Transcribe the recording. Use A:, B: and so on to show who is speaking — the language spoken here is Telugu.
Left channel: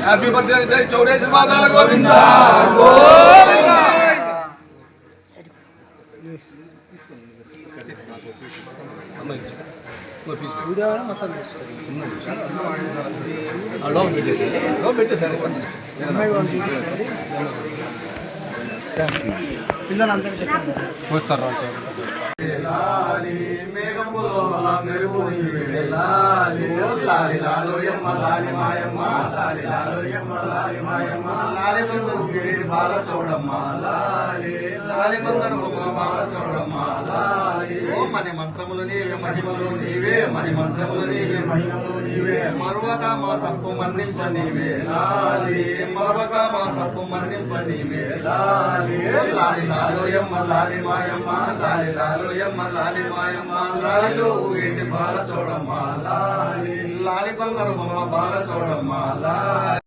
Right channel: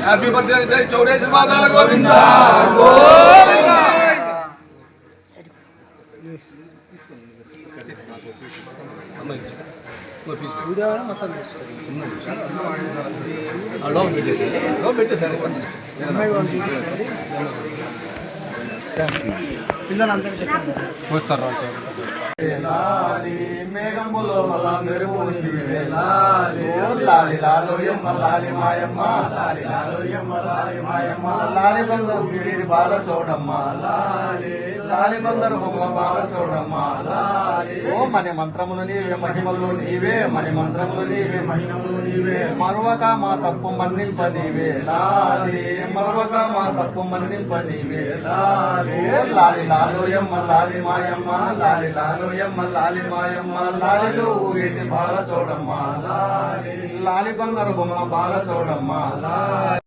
A: హ్యాపీ బర్త్డే జై చౌడేశ్వరి మాతాల గోవింద పెట్టేసారు
B: మేఘములో మెరుపు నీవే లాలి లాలి లాలో లాలి మాయమ్మ లాలి లాలో యమ్మ లాలి మాయమ్మ లాలి బందరు గిరి బాగా చూడమ్మ లాలి లాలి బందరు బొమ్మ బాగా చూడమ్మ లాలి ఓ మని మంత్రములు నీవే మహిమలు నీవే మన మంత్రములు నీవే మహిమలు నీవే మరవక మా తప్పు మన్నింప నీవే లాలి మరవక మా తప్పు మన్నింప నీవే లాలి ఓ లాలి లాలో యమ్మ లాలి మాయమ్మ లాలి లాలో లాలి మాయమ్మ లాలిలో వీటి బాగా చూడమ్మ లాలి. తాలిబన్ నరబొమ్మ బాగా చూడమ్మా